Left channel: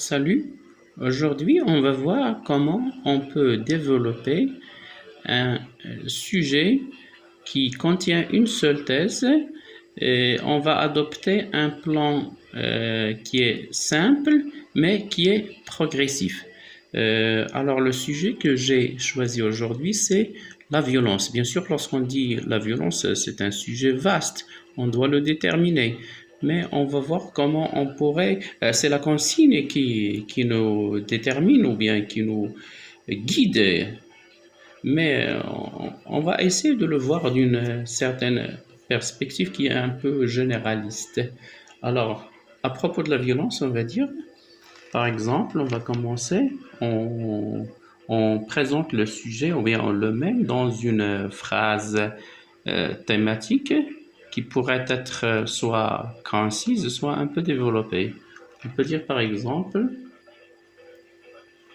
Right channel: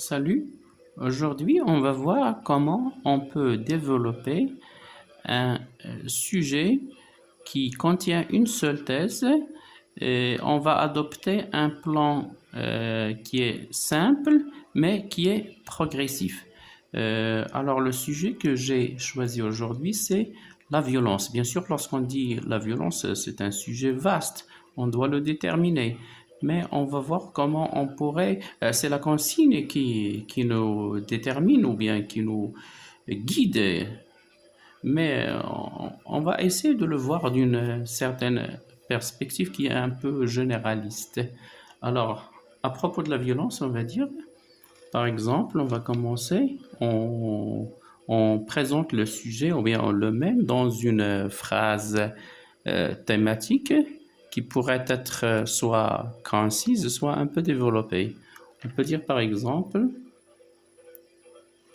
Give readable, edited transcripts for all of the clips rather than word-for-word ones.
Salut, aujourd'hui on va voir comment on peut développer un sujet qui contient une seule thèse et on va adopter un plan qui est simple mais qui est progressif. Alors le sujet que j'ai choisi aujourd'hui c'est la violence. Bien sûr, lorsqu'on dit la violence, c'est un sujet vaste, on doit le déterminer. Mais on va voir comment on pourrait, c'est la consigne qui nous détermine ou bien qui nous guide, mais on va essayer de le voir d'une certaine perspective qui est un peu généraliste. Alors, à propos de la violence, on va dire, par exemple, on va commencer, on présente le sujet ou bien on le met dans une phrase thématique qui pourrait être soit concise, soit un peu développée. On peut dire par exemple,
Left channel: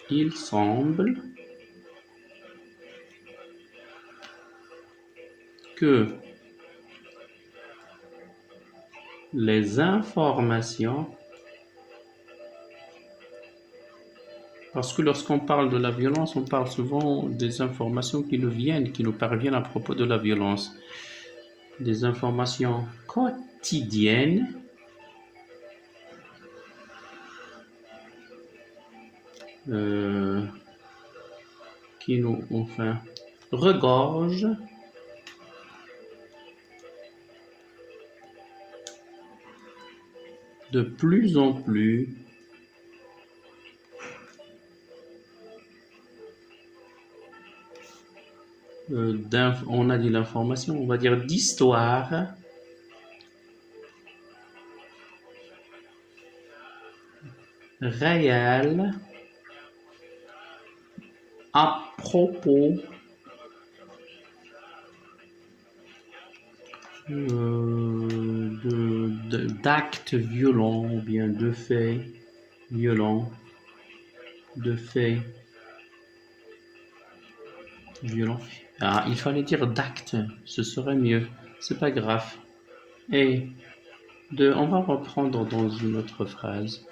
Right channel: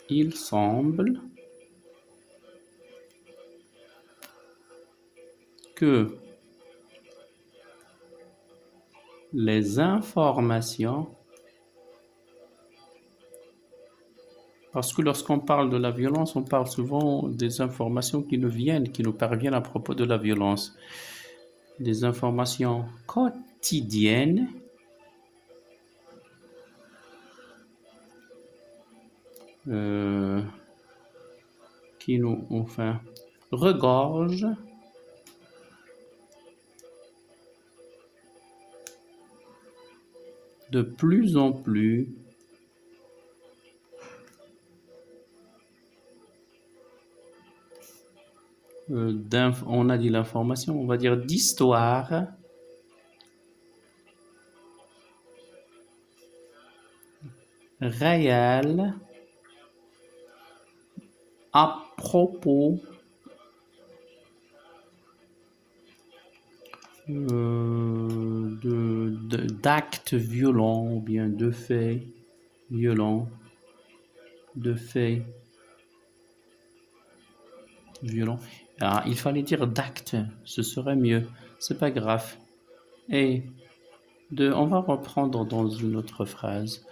il semble que les informations, parce que lorsqu'on parle de la violence, on parle souvent des informations qui nous viennent, qui nous parviennent à propos de la violence, des informations quotidiennes euh, qui nous, enfin, regorgent de plus en plus on a dit l'information, on va dire d'histoire réelle à propos d'actes violents ou bien de faits violents, de faits violents. Ah, il fallait dire d'actes, ce serait mieux. C'est pas grave. Et on va reprendre dans une autre phrase.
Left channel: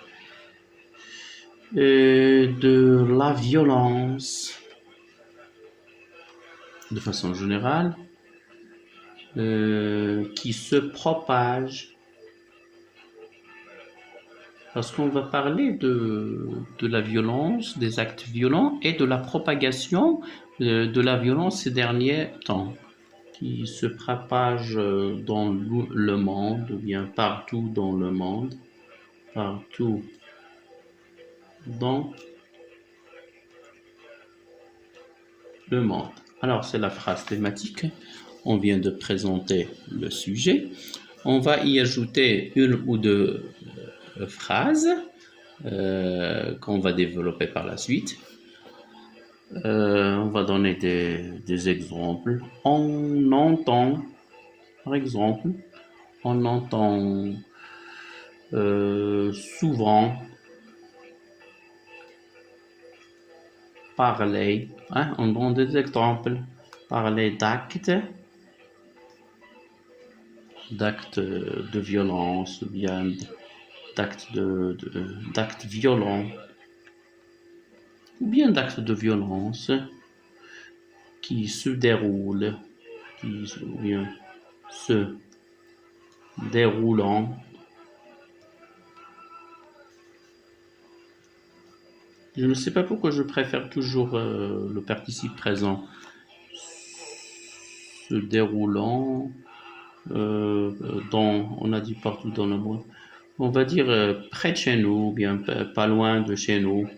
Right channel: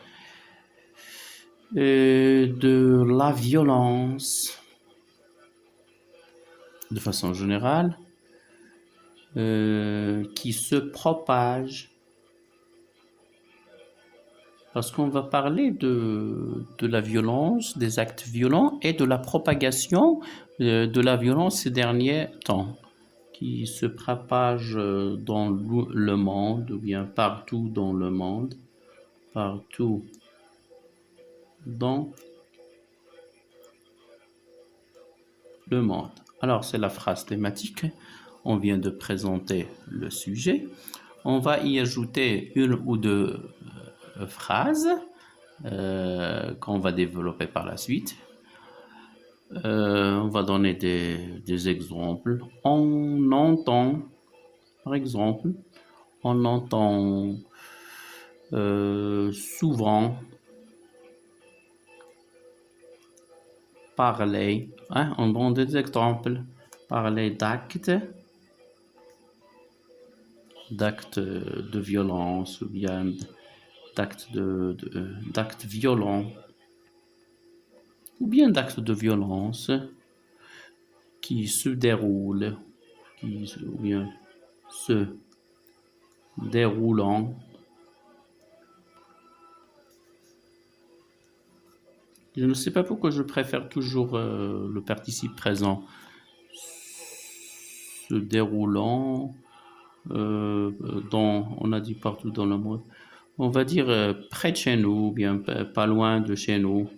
De la violence, de façon générale, qui se propage. Parce qu'on va parler de la violence, des actes violents et de la propagation de la violence ces derniers temps, qui se propage dans le monde, ou bien partout dans le monde, partout dans le monde. Alors, c'est la phrase thématique. On vient de présenter le sujet. On va y ajouter une ou deux phrases qu'on va développer par la suite. On va donner des exemples. On entend, par exemple, on entend souvent parler, hein, on donne des exemples, parler d'actes de violence ou bien d'actes violents ou bien d'actes de violence qui se déroulent, ou bien se déroulant. Je ne sais pas pourquoi je préfère toujours le participe présent. Se déroulant, on a dit partout dans le monde. On va dire près de chez nous, ou bien pas loin de chez nous,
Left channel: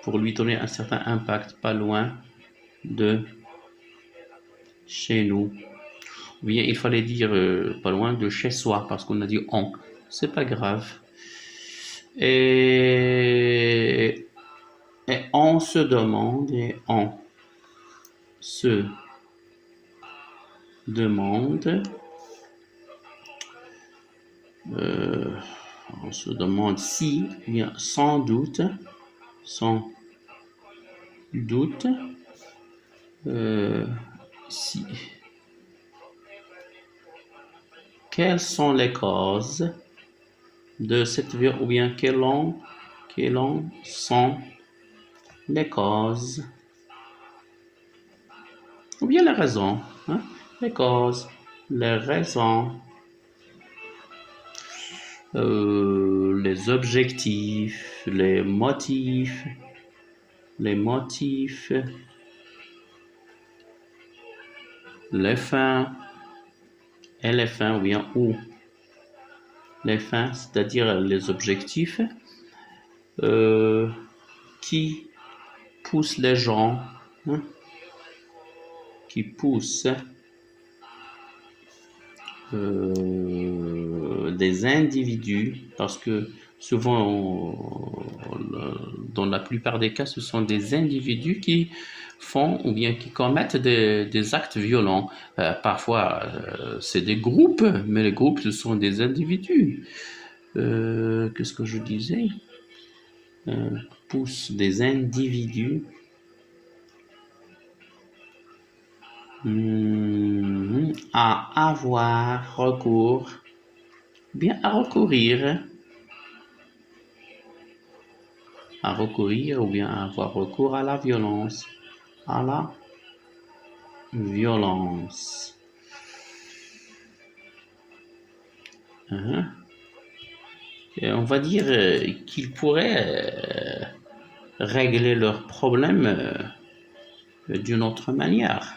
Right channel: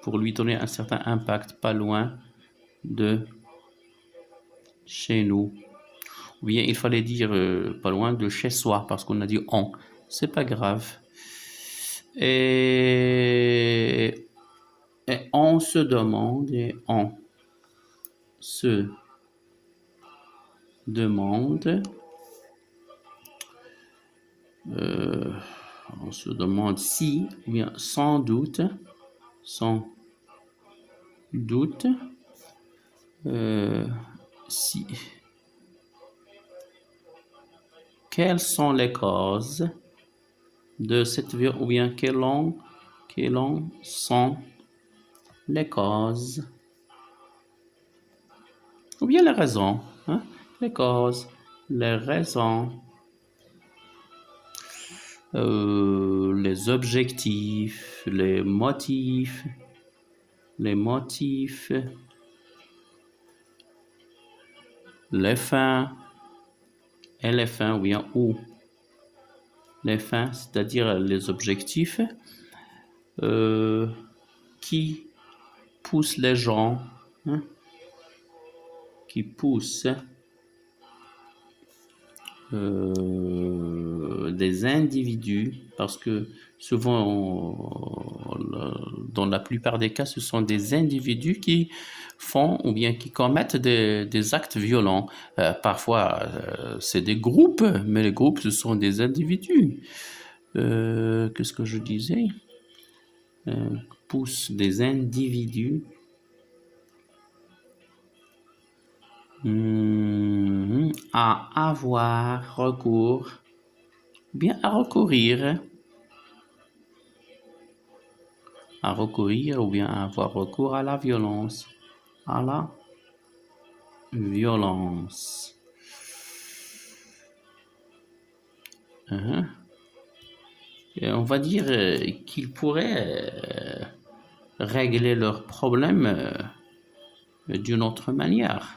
pour lui donner un certain impact, pas loin de chez nous. Ou bien il fallait dire pas loin de chez soi, parce qu'on a dit on. C'est pas grave. Et on se demande, et on se demande, euh, on se demande si, ou bien sans doute, si, quelles sont les causes de cette violence, ou bien quelles en sont les causes, ou bien les raisons, hein? Les causes, les raisons, les objectifs, les motifs, les fins, et les fins, ou bien où. Les fins, c'est-à-dire les objectifs qui poussent les gens, hein, qui poussent des individus, parce que souvent, dans la plupart des cas, ce sont des individus qui font ou bien qui commettent des actes violents. Parfois, c'est des groupes, mais les groupes, ce sont des individus. Qu'est-ce que je disais? Poussent des individus à avoir recours, bien à recourir ou bien à avoir recours à la violence, à la violence. Et on va dire qu'ils pourraient régler leurs problèmes d'une autre manière.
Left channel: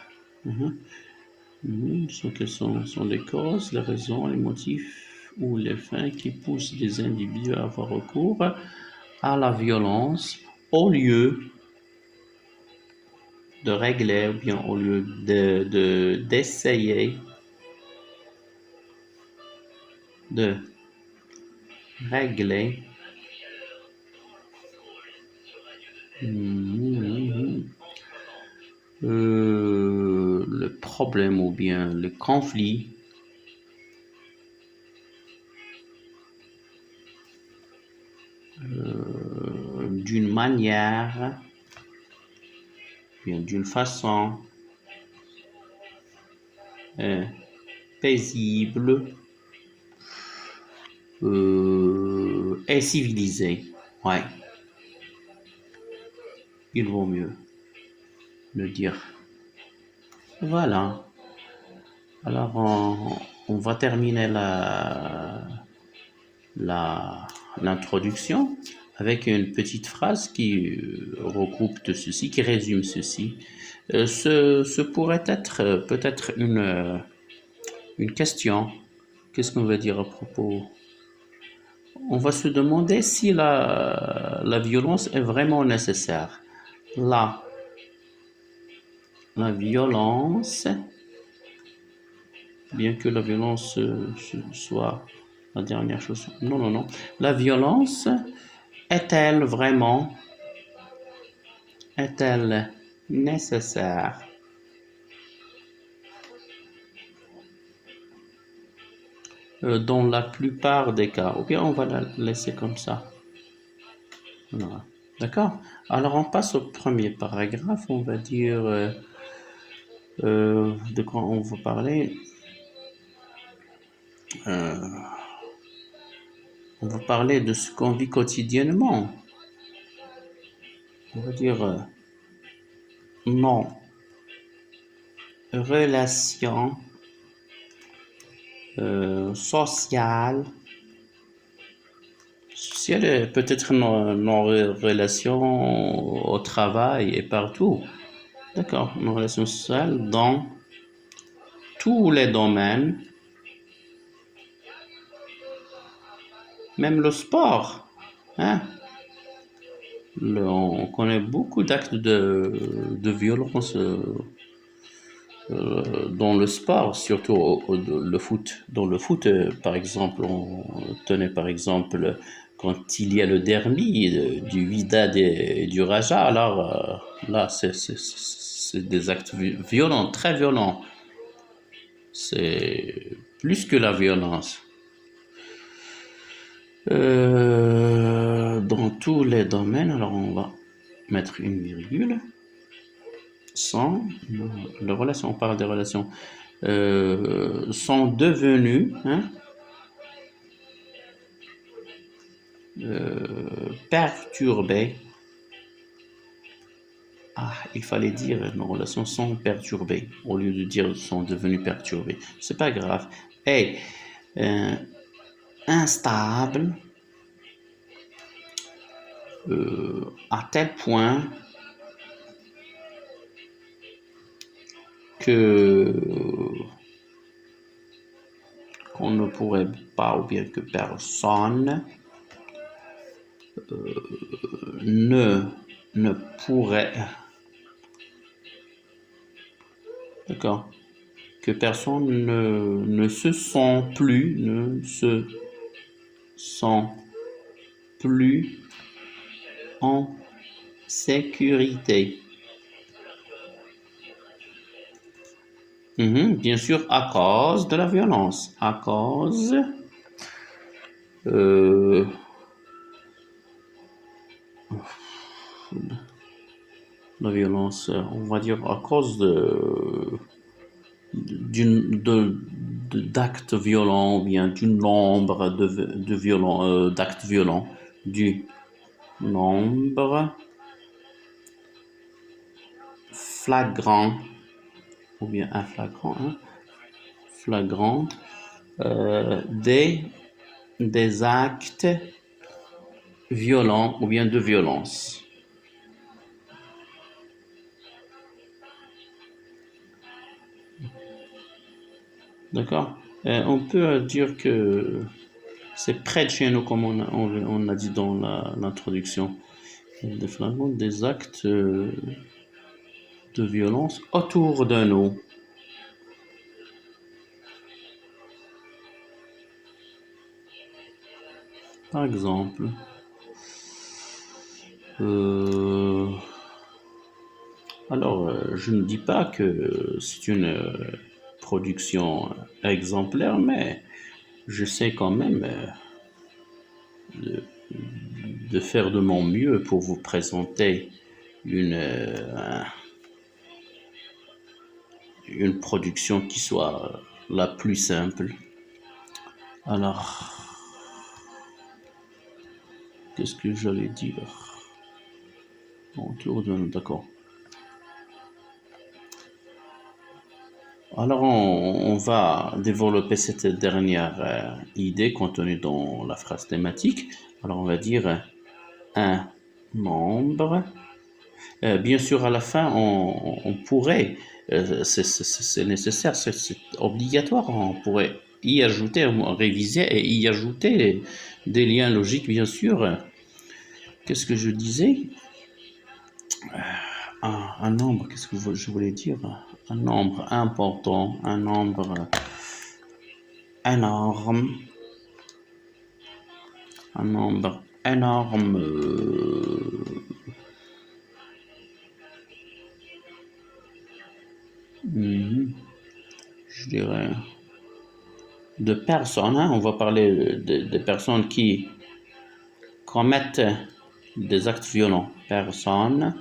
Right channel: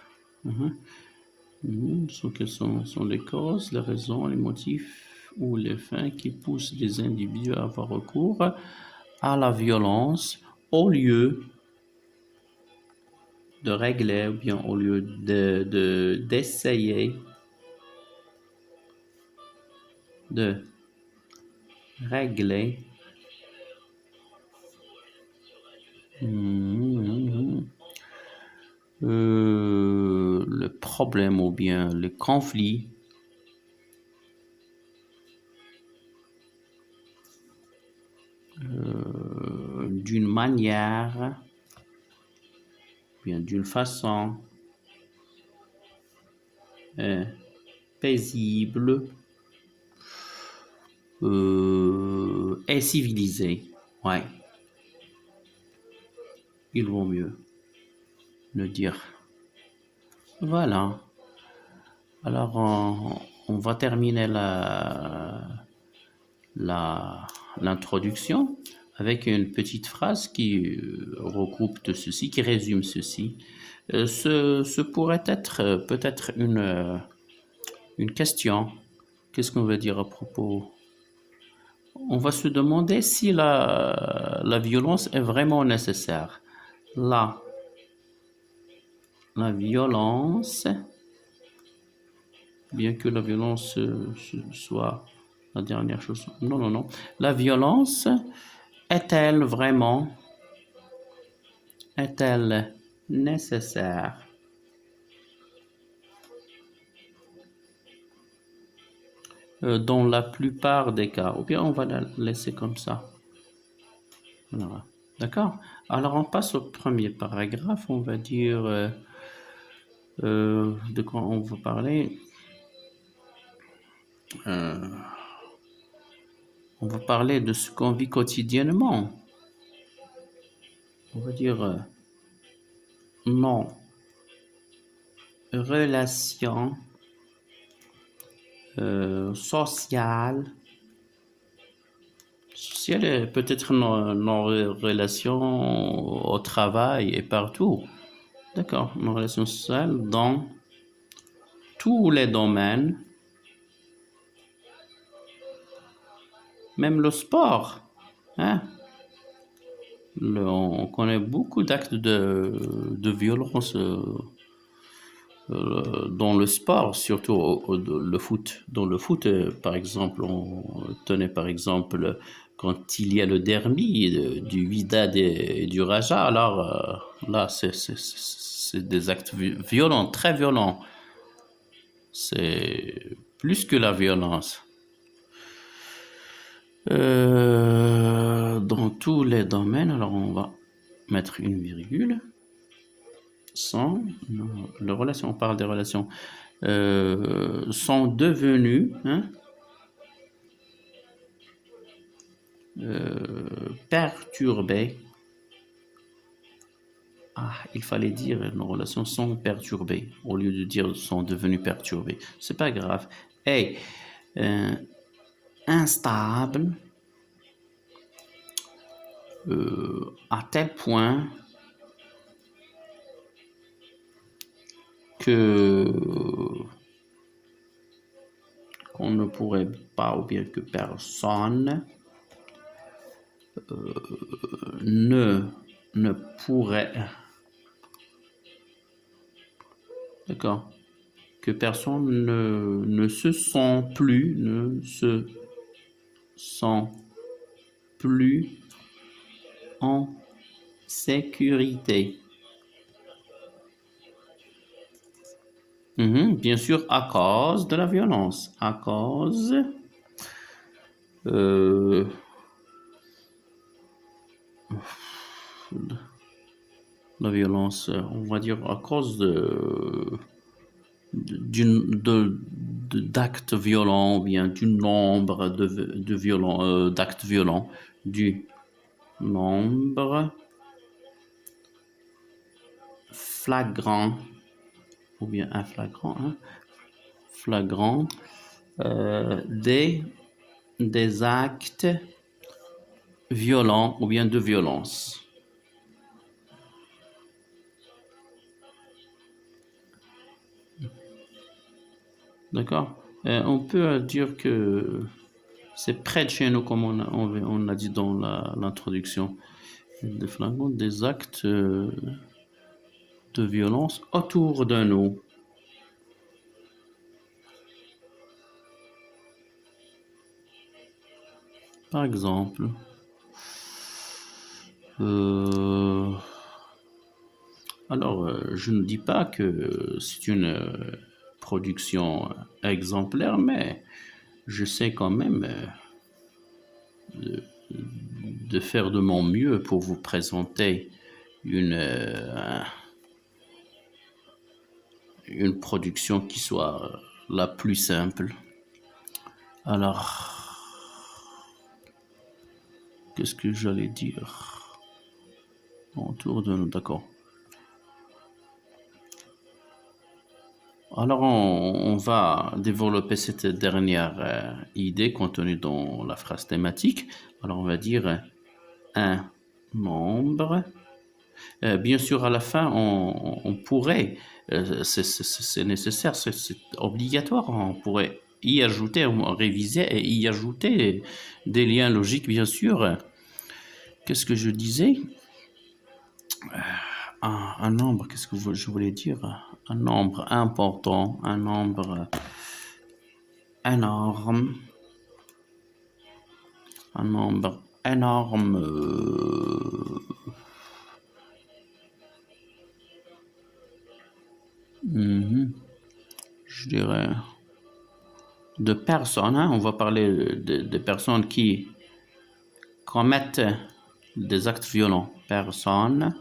Quelles sont les causes, les raisons, les motifs ou les fins qui poussent des individus à avoir recours à la violence au lieu de régler ou bien au lieu d'essayer de régler le problème ou bien le conflit d'une manière, bien d'une façon paisible et civilisée. Ouais, il vaut mieux le dire. Voilà. Alors, on va terminer l'introduction avec une petite phrase qui regroupe de ceci, qui résume ceci. Ce pourrait être peut-être une question. Qu'est-ce qu'on va dire à propos? On va se demander si la violence est vraiment nécessaire. La violence, bien que la violence soit la dernière chose. Non, non, non. La violence est-elle vraiment, est-elle nécessaire? Dans la plupart des cas. Ou bien on va la laisser comme ça. Voilà. D'accord? Alors on passe au premier paragraphe. On va dire de quoi on va parler. On va parler de ce qu'on vit quotidiennement. On va dire non. Relations sociales. Sociales, peut-être nos relations au travail et partout. D'accord, nos relations sociales dans tous les domaines, même le sport. Hein? On connaît beaucoup d'actes de violence dans le sport, surtout le foot. Dans le foot, par exemple, on tenait par exemple quand il y a le derby du Wydad et du Raja, alors là, c'est des actes violents, très violents. C'est plus que la violence. Dans tous les domaines, alors on va mettre une virgule. Sont les relations, on parle des relations, sont devenues, hein, perturbées. Ah, il fallait dire nos relations sont perturbées au lieu de dire sont devenues perturbées. C'est pas grave. Et instable à tel point que qu'on ne pourrait pas, ou bien que personne ne, ne pourrait, d'accord, que personne ne se sent plus, ne se sent plus en sécurité. Bien sûr, à cause de la violence, à cause de la violence, on va dire à cause d'actes violents ou bien du nombre d'actes violents, du nombre flagrant ou bien un flagrant, hein, flagrant des actes violents ou bien de violence. D'accord. On peut dire que c'est près de chez nous, comme on a dit dans l'introduction. Des flagrants, des actes de violence autour de nous. Par exemple, alors je ne dis pas que c'est une production exemplaire, mais j'essaie quand même de faire de mon mieux pour vous présenter une production qui soit la plus simple. Alors, qu'est-ce que j'allais dire autour de nous? D'accord. Alors, on va développer cette dernière idée contenue dans la phrase thématique. Alors, on va dire un membre. Bien sûr, à la fin, on pourrait, c'est nécessaire, c'est obligatoire, on pourrait y ajouter, réviser et y ajouter des liens logiques, bien sûr. Qu'est-ce que je disais? Un nombre, qu'est-ce que je voulais dire? Un nombre important, un nombre énorme, un nombre énorme, je dirais, de personnes, hein. On va parler de personnes qui commettent des actes violents. Personnes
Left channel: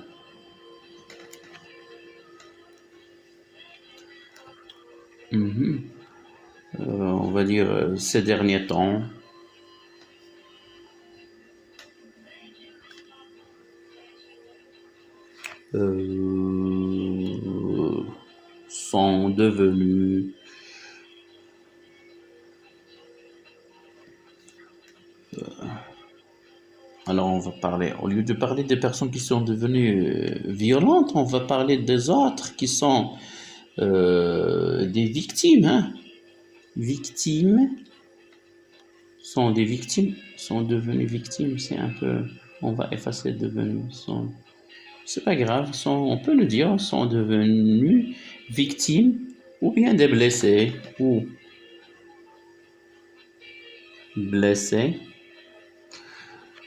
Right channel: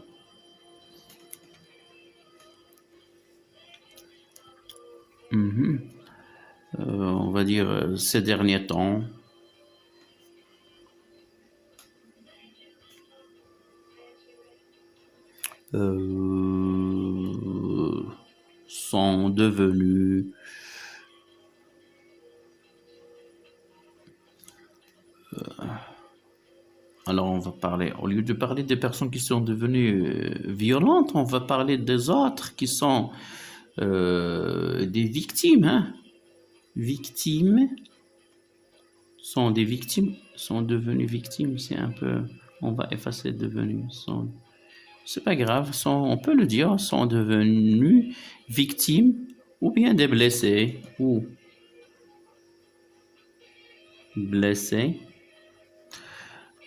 on va dire ces derniers temps, sont devenus alors on va parler, au lieu de parler des personnes qui sont devenues violentes, on va parler des autres qui sont des victimes, hein. Victimes sont des victimes, sont devenues victimes, c'est un peu, on va effacer devenus, c'est pas grave, on peut le dire, sont devenus victimes ou bien des blessés ou blessés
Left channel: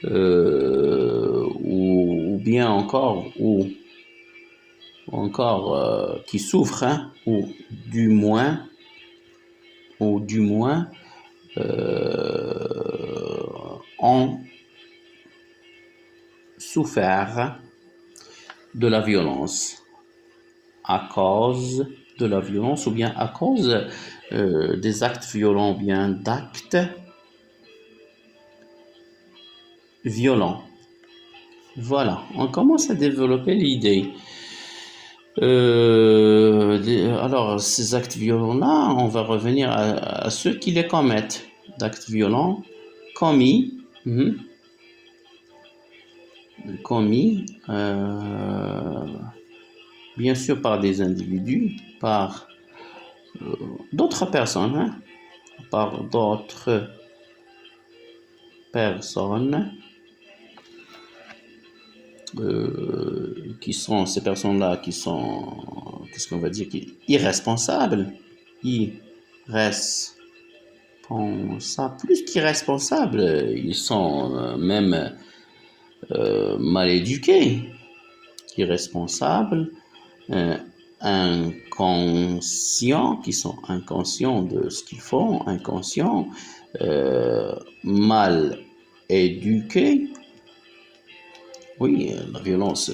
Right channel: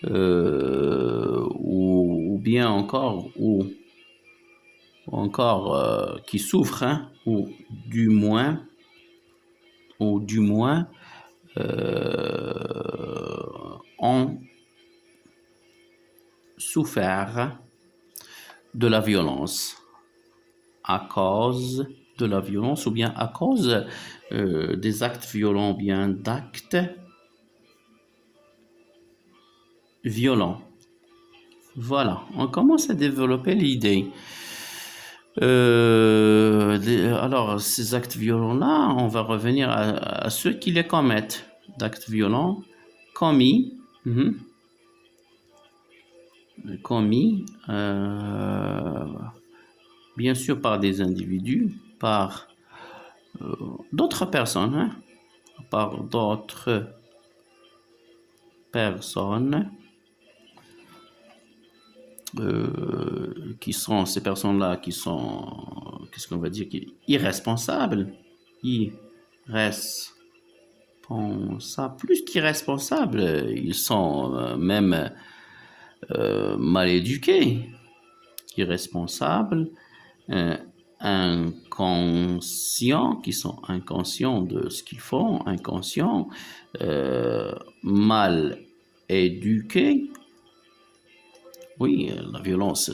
ou bien encore qui souffrent, hein, ou du moins ont souffert de la violence à cause de la violence ou bien à cause des actes violents ou bien d'actes violents. Voilà, on commence à développer l'idée. Alors, ces actes violents-là, on va revenir à ceux qui les commettent. D'actes violents commis, commis, bien sûr par des individus, par d'autres personnes, hein, par d'autres personnes qui sont ces personnes-là qui sont, qu'est-ce qu'on va dire, irresponsables, plus qu'irresponsables, ils sont même mal éduqués, irresponsables, inconscients, qui sont inconscients de ce qu'ils font, inconscients, mal éduqués. Oui, la violence,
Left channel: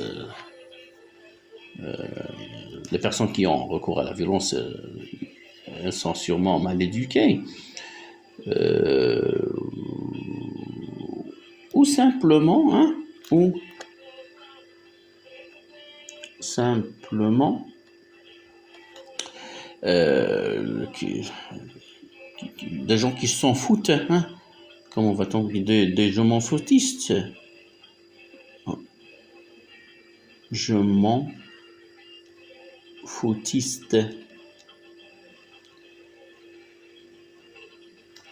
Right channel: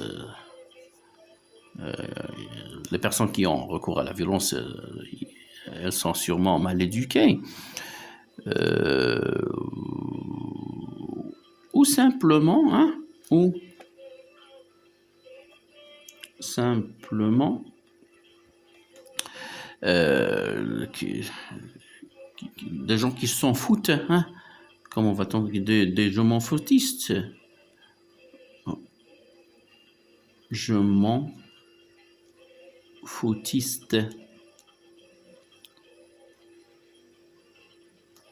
les personnes qui ont recours à la violence, elles sont sûrement mal éduquées. Ou simplement, hein, ou simplement des gens qui s'en foutent, hein, comment va-t-on dire, des je m'en foutistes. Je m'en foutiste.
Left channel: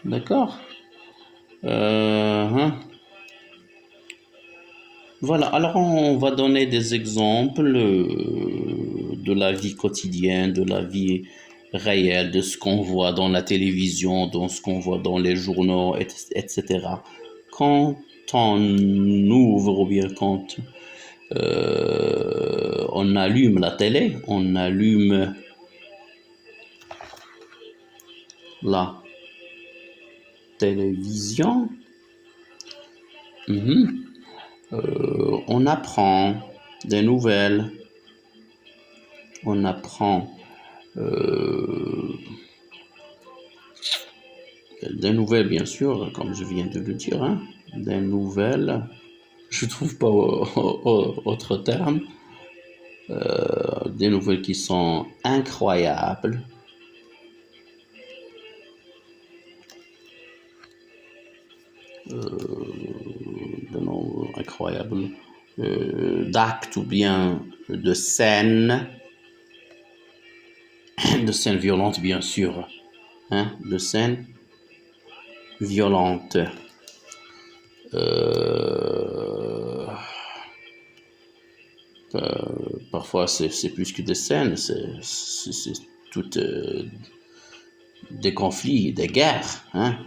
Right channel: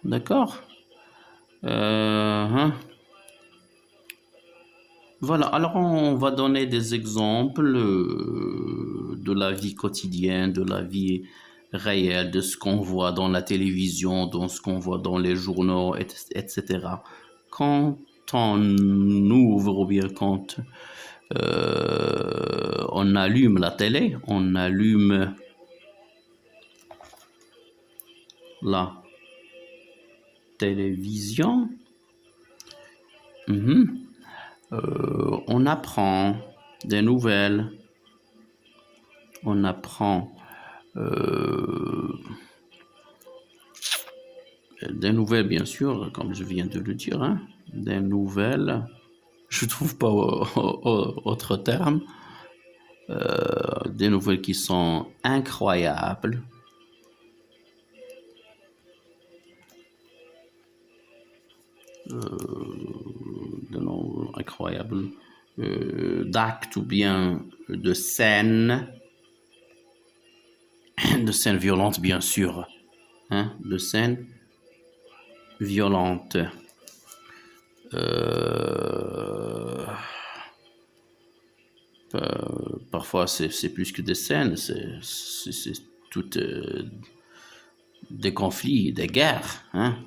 D'accord. Voilà, alors on va donner des exemples de la vie quotidienne, de la vie réelle, de ce qu'on voit dans la télévision, dans ce qu'on voit dans les journaux, etc. Quand on ouvre ou bien quand on allume la télé, on allume la télévision, on apprend des nouvelles, on apprend des nouvelles, bien sûr, comme je viens de le dire, hein, des nouvelles, je trouve pas autre terme, des nouvelles qui sont incroyables, incroyables, d'actes ou bien de scènes violentes, bien sûr, hein, de scènes violentes. Parfois, c'est plus que des scènes, c'est toutes des conflits, des guerres, hein,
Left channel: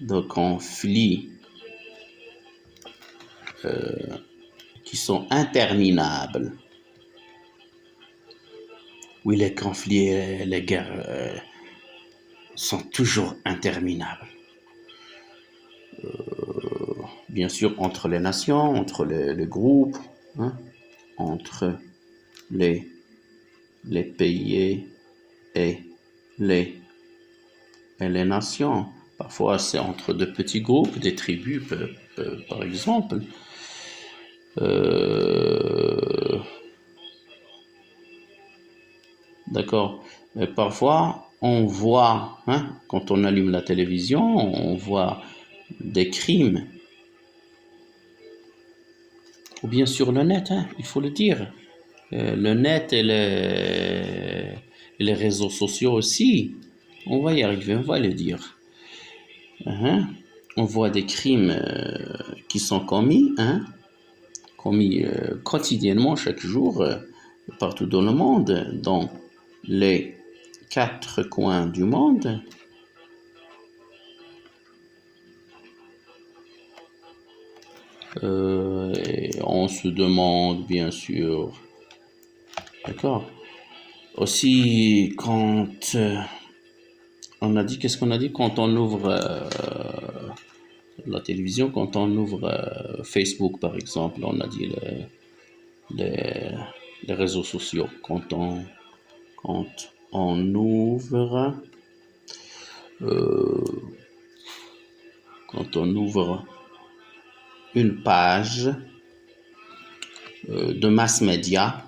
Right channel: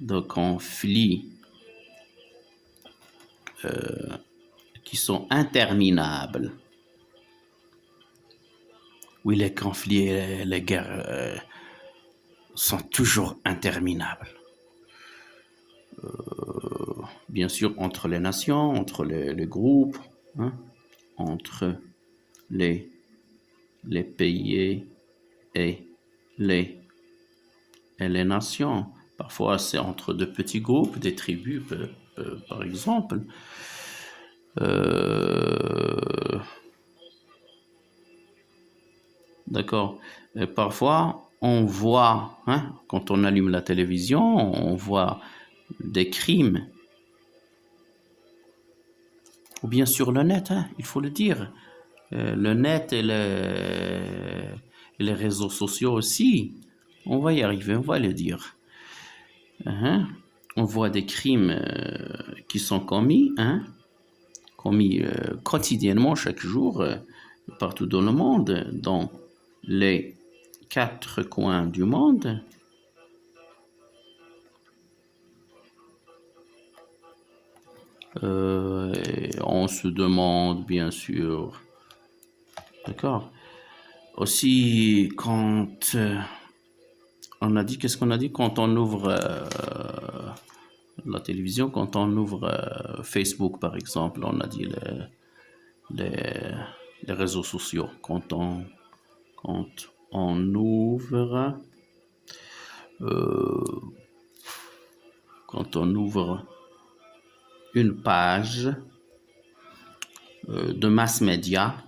de conflits qui sont interminables. Oui, les conflits et les guerres sont toujours interminables. Bien sûr, entre les nations, entre les groupes, hein, entre les pays et les nations. Parfois, c'est entre deux petits groupes, des tribus, par exemple. D'accord. Parfois, on voit, hein, quand on allume la télévision, on voit des crimes. Ou bien sur le net, hein, il faut le dire. Le net et les réseaux sociaux aussi. On va y arriver, on va le dire. On voit des crimes qui sont commis, hein, commis quotidiennement, chaque jour, partout dans le monde, dans les 4 coins du monde. Et on se demande, bien sûr, d'accord, aussi quand on a dit, qu'est-ce qu'on a dit quand on ouvre la télévision, quand on ouvre Facebook par exemple, on a dit les réseaux sociaux, quand on ouvre quand on ouvre une page de mass média,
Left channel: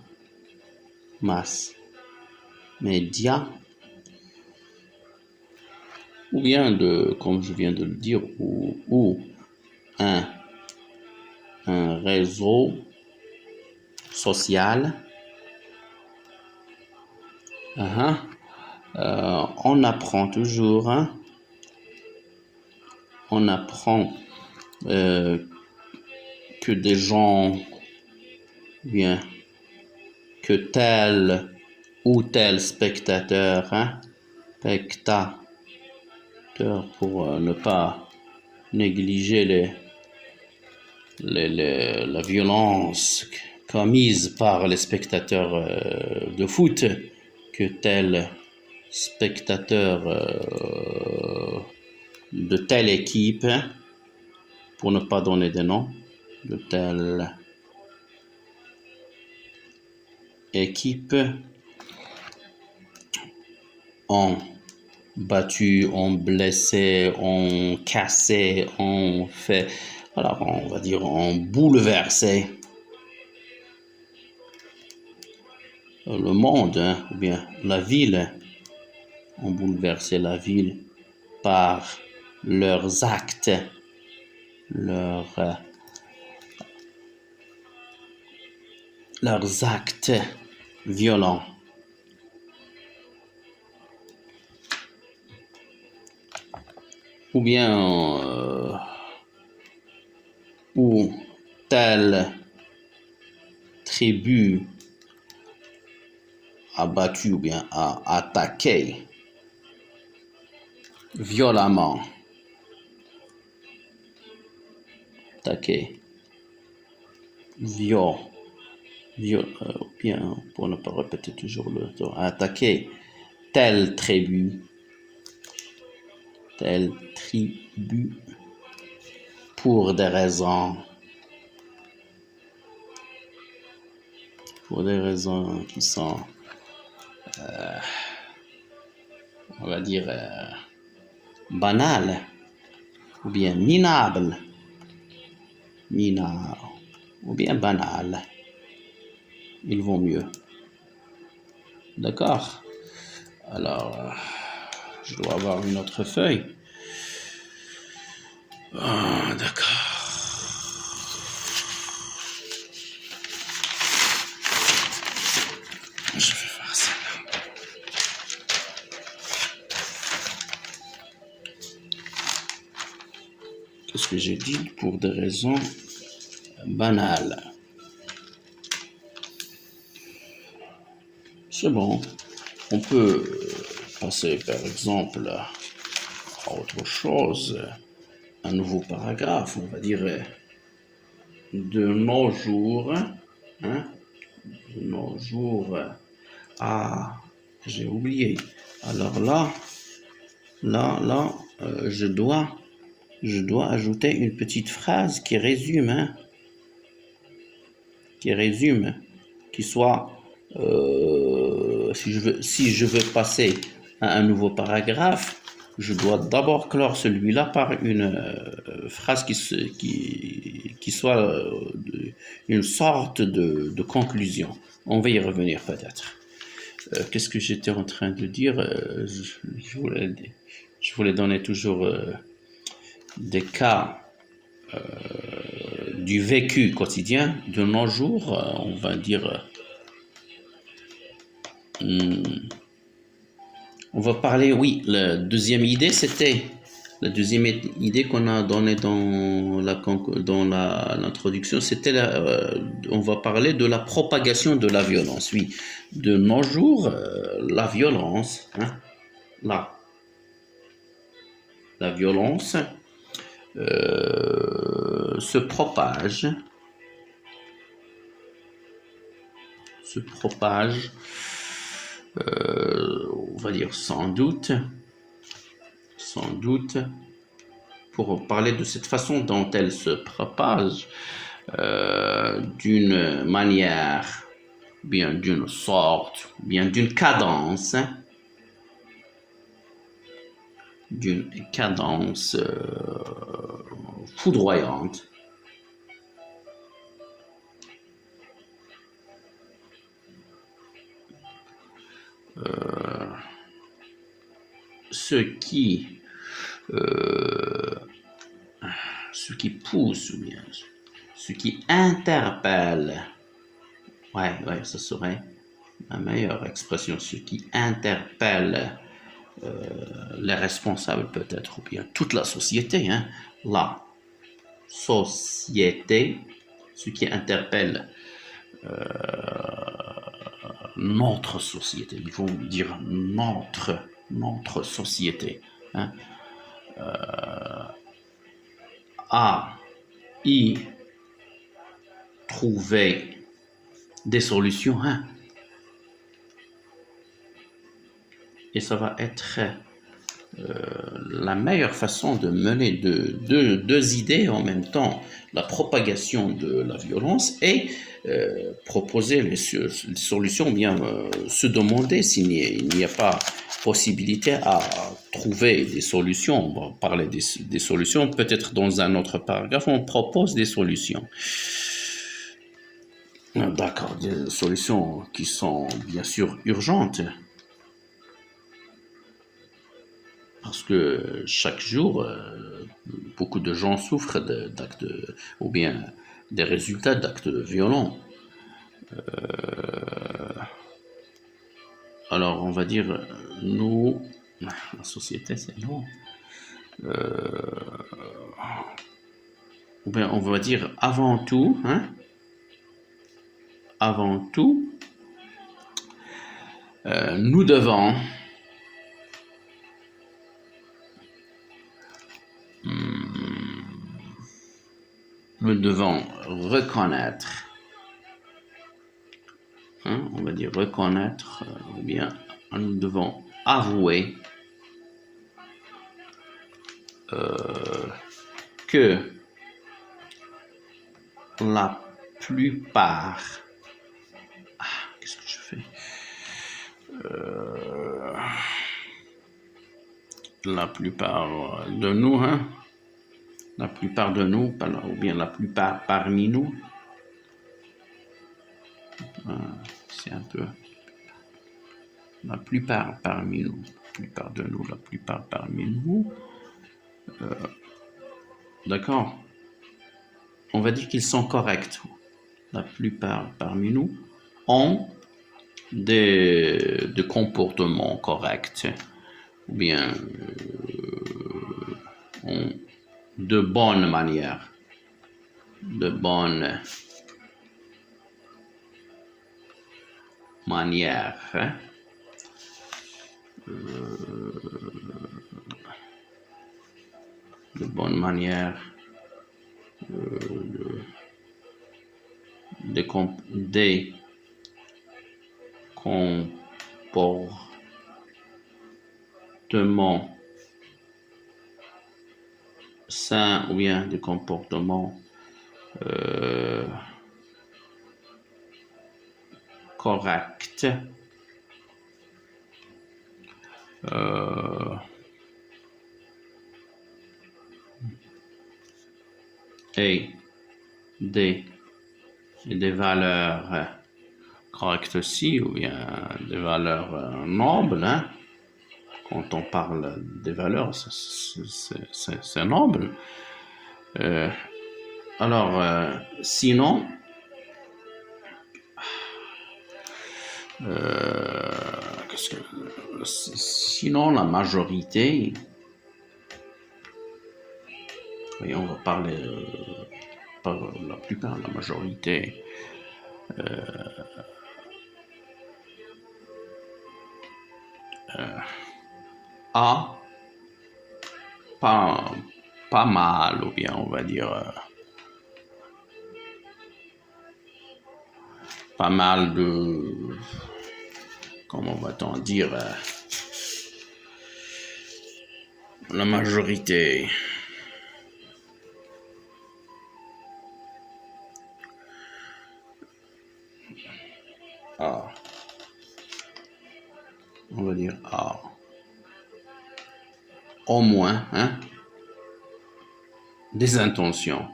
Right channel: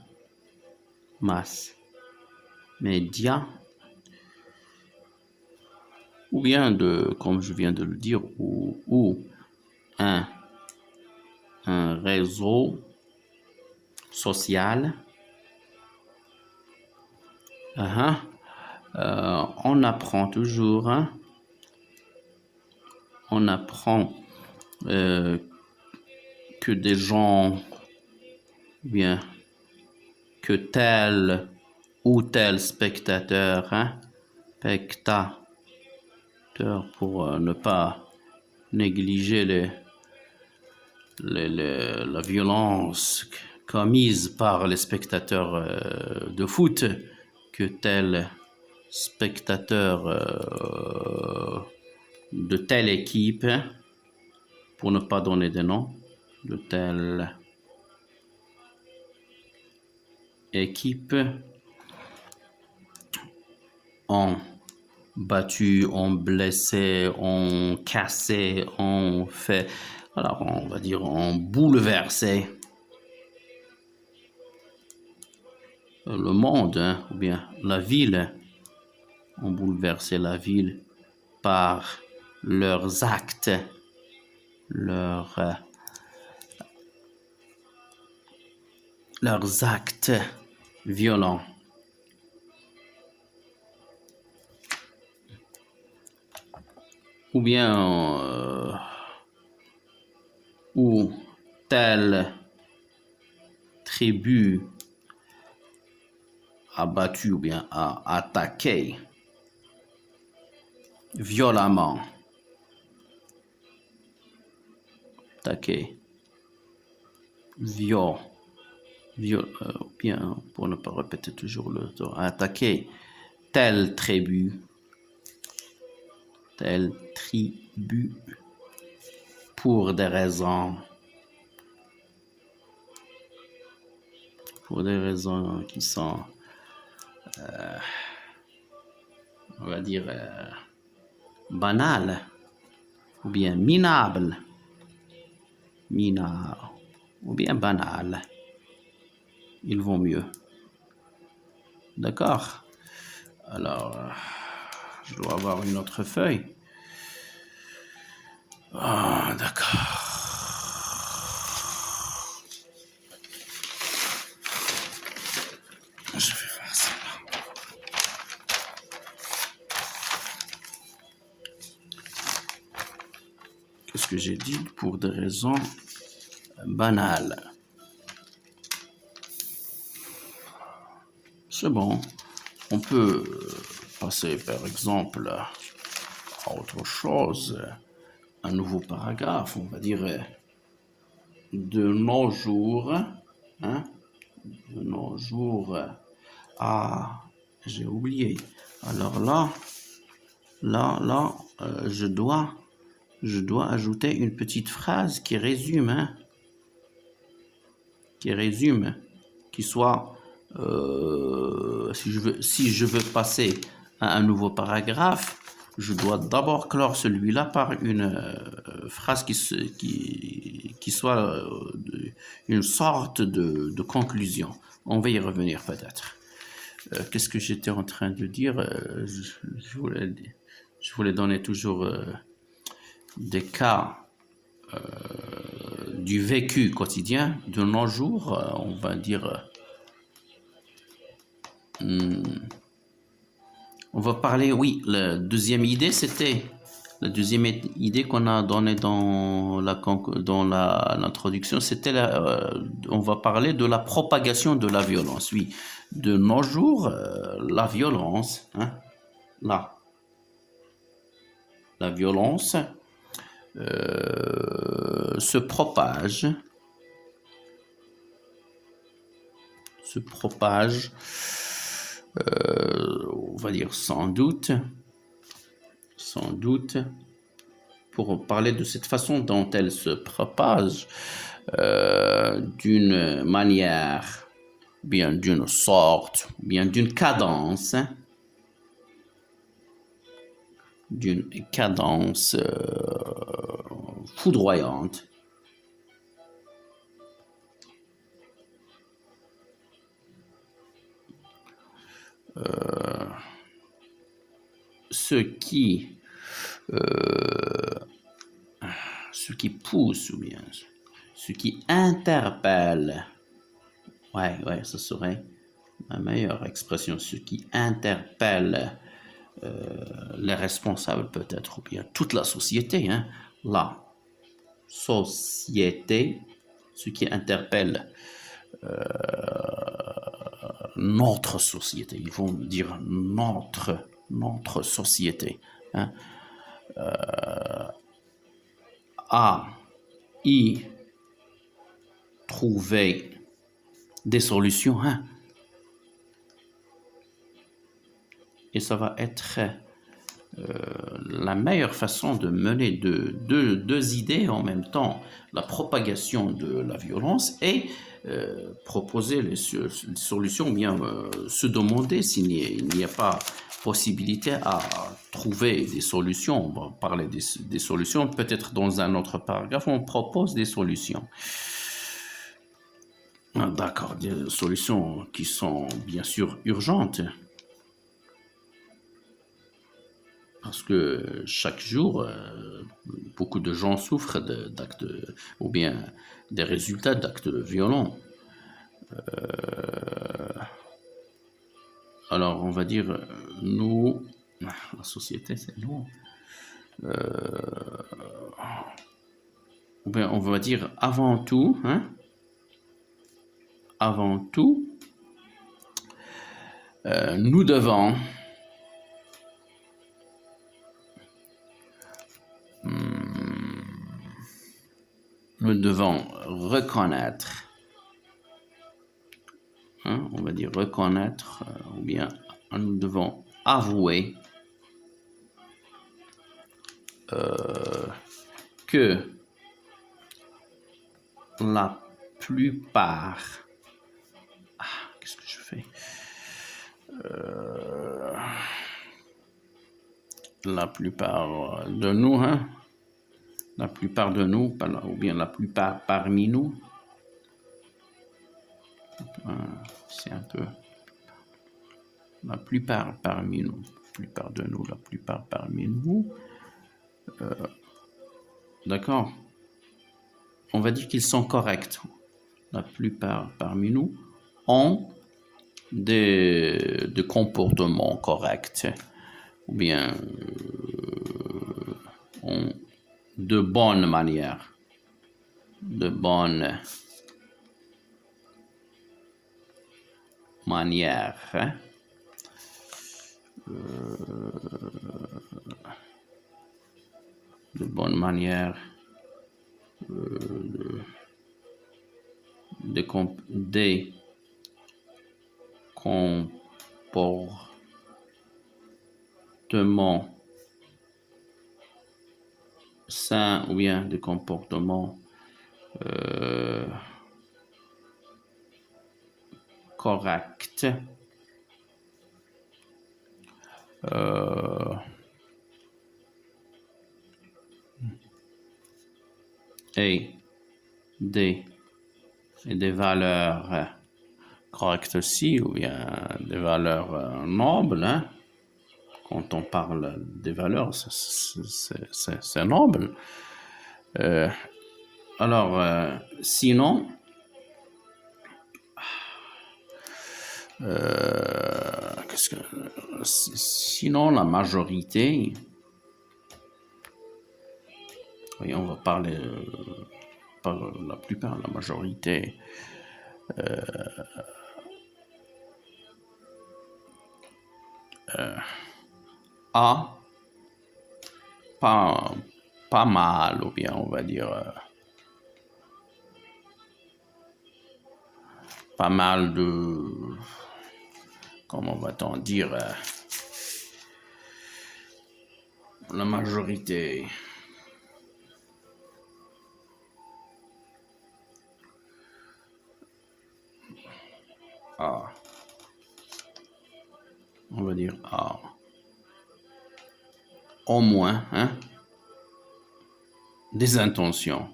ou bien de, comme je viens de le dire, ou un réseau social. On apprend toujours, hein? On apprend que des gens, bien, que tel ou tel spectateur, hein? Spectateur, pour ne pas négliger la violence commise par les spectateurs de foot, que tel spectateur de telle équipe, pour ne pas donner de nom, de telle équipe, ont battu, ont blessé, ont cassé, ont fait, alors on va dire, ont bouleversé le monde, hein, ou bien la ville, ont bouleversé la ville par leurs actes, leurs actes violents. Ou bien ou telle tribu a battu ou bien a attaqué violemment, bien, pour ne pas répéter toujours le temps, attaqué telle tribu, pour des raisons qui sont, on va dire, banales, ou bien minables, ou bien banales, ils vont mieux. D'accord? Alors, je dois avoir une autre feuille. Ah, d'accord. Je vais faire ça. Qu'est-ce que j'ai dit? Pour des raisons banales. C'est bon. On peut passer, par exemple, à autre chose. Un nouveau paragraphe, on va dire, de nos jours, hein, de nos jours. Ah, j'ai oublié. Alors là, je dois ajouter une petite phrase qui résume, hein, qui soit, si je veux passer à un nouveau paragraphe, je dois d'abord clore celui-là par une phrase qui soit une sorte de conclusion. On va y revenir peut-être. Qu'est-ce que j'étais en train de dire? Je voulais donner toujours des cas du vécu quotidien de nos jours, on va dire. On va parler, oui, la deuxième idée, c'était la deuxième idée qu'on a donnée dans l'introduction, c'était on va parler de la propagation de la violence. Oui, de nos jours, la violence, hein, la violence se propage, on va dire sans doute, pour parler de cette façon dont elle se propage, d'une manière, bien d'une sorte, bien d'une cadence, foudroyante, ce qui pousse ou bien ce qui interpelle. Ouais, ce serait ma meilleure expression. Ce qui interpelle les responsables peut-être, ou bien toute la société. Hein. La société, ce qui interpelle notre société. Ils vont dire notre société. Hein. À y trouver des solutions. Hein. Et ça va être la meilleure façon de mener deux idées en même temps, la propagation de la violence et proposer les solutions, ou bien se demander s'il n'y a pas possibilité à trouver des solutions. On va parler des solutions, peut-être dans un autre paragraphe, on propose des solutions. D'accord, des solutions qui sont bien sûr urgentes. Parce que chaque jour, beaucoup de gens souffrent d'actes, ou bien des résultats d'actes violents. Alors, on va dire, nous, la société, c'est long. Ou bien, on va dire, avant tout, nous devons reconnaître, on va dire reconnaître, ou bien nous devons avouer que la plupart, qu'est-ce que je fais? La plupart de nous, la plupart de nous, ou bien la plupart parmi nous, c'est un peu la plupart parmi nous, la plupart de nous, la plupart parmi nous, d'accord, on va dire qu'ils sont corrects. La plupart parmi nous ont des comportements corrects, ou bien ont de bonnes manières, des comportements sains, ou bien des comportements corrects. Et des valeurs correctes aussi, ou bien des valeurs nobles. Hein. Quand on parle des valeurs, c'est noble. Alors, sinon, sinon la majorité, oui, on va parler par la plupart, la majorité, a pas mal, ou bien on va dire pas mal de, comment va-t-on dire, la majorité a, on va dire a, au moins, des intentions,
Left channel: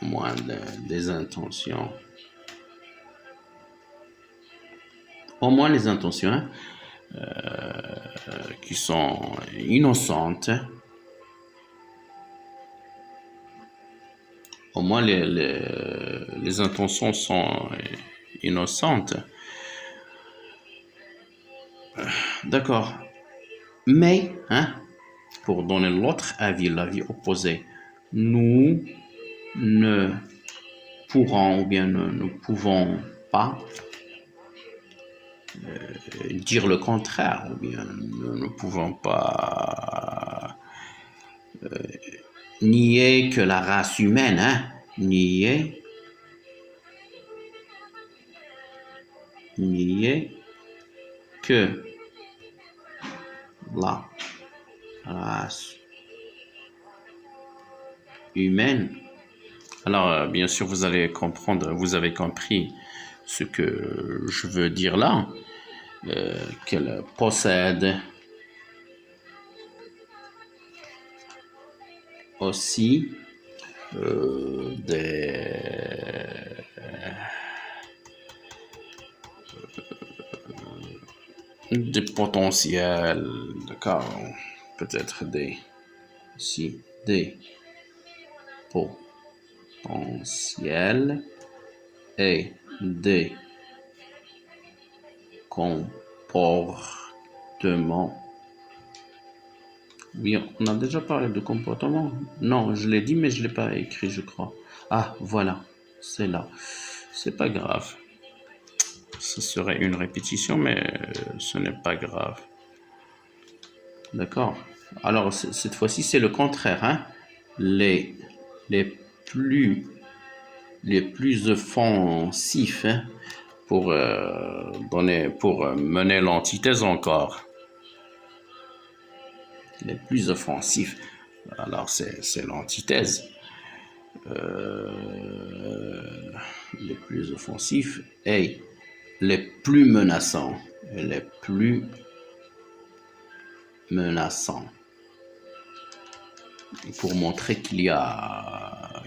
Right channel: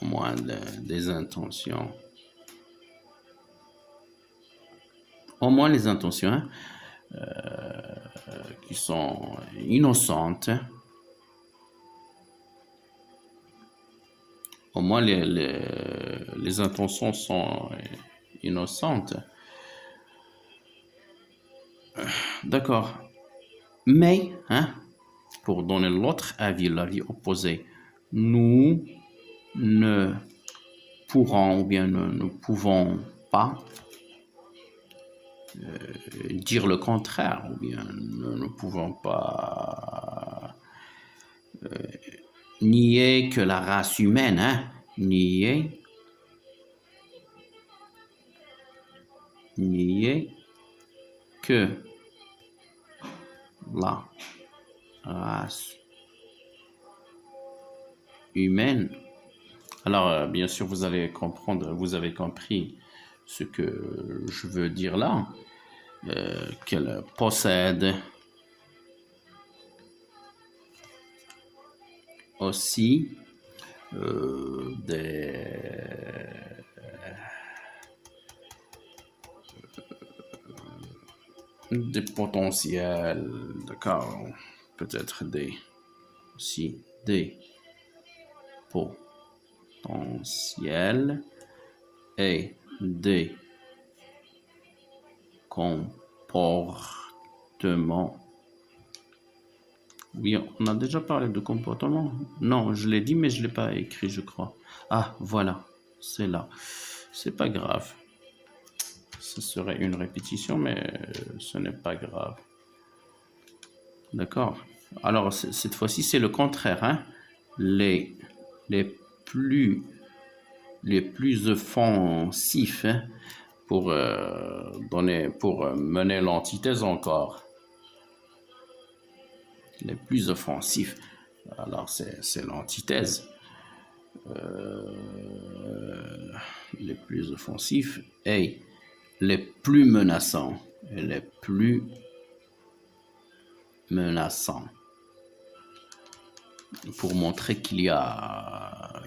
au moins des intentions. Au moins les intentions, qui sont innocentes. Au moins, les intentions sont innocentes. D'accord. Mais, hein, pour donner l'autre avis, l'avis opposé, nous ne pourrons ou bien ne pouvons pas dire le contraire, ou bien nous ne pouvons pas nier que la race humaine, hein, nier que la race humaine. Alors, bien sûr, vous allez comprendre, vous avez compris ce que je veux dire là, qu'elle possède aussi des potentiels, d'accord, peut-être aussi des potentiels et des comportements. Oui, on a déjà parlé de comportement. Non, je l'ai dit, mais je ne l'ai pas écrit, je crois. Ah, voilà, c'est là. C'est pas grave. Ce serait une répétition, mais ce n'est pas grave. D'accord. Alors, cette fois-ci, c'est le contraire, hein. Les, les plus, les plus offensifs, hein, pour pour mener l'antithèse encore. Les plus offensifs. Alors, c'est l'antithèse. Les plus offensifs et les plus menaçants. Et les plus menaçants. Pour montrer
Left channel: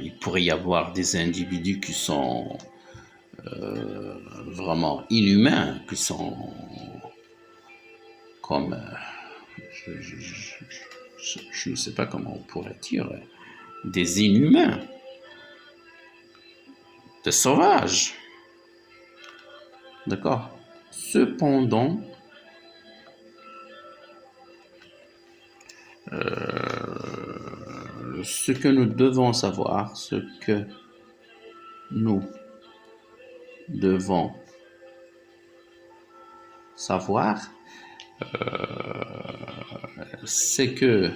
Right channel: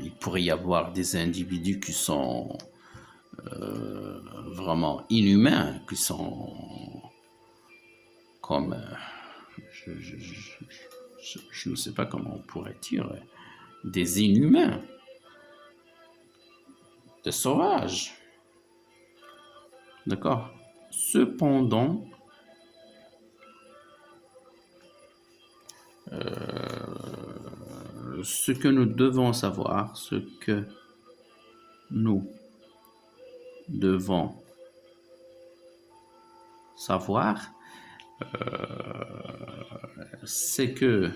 il pourrait y avoir des individus qui sont vraiment inhumains, qui sont comme, je ne sais pas comment on pourrait dire, des inhumains, des sauvages. D'accord. Cependant, ce que nous devons savoir, ce que nous devons savoir, c'est que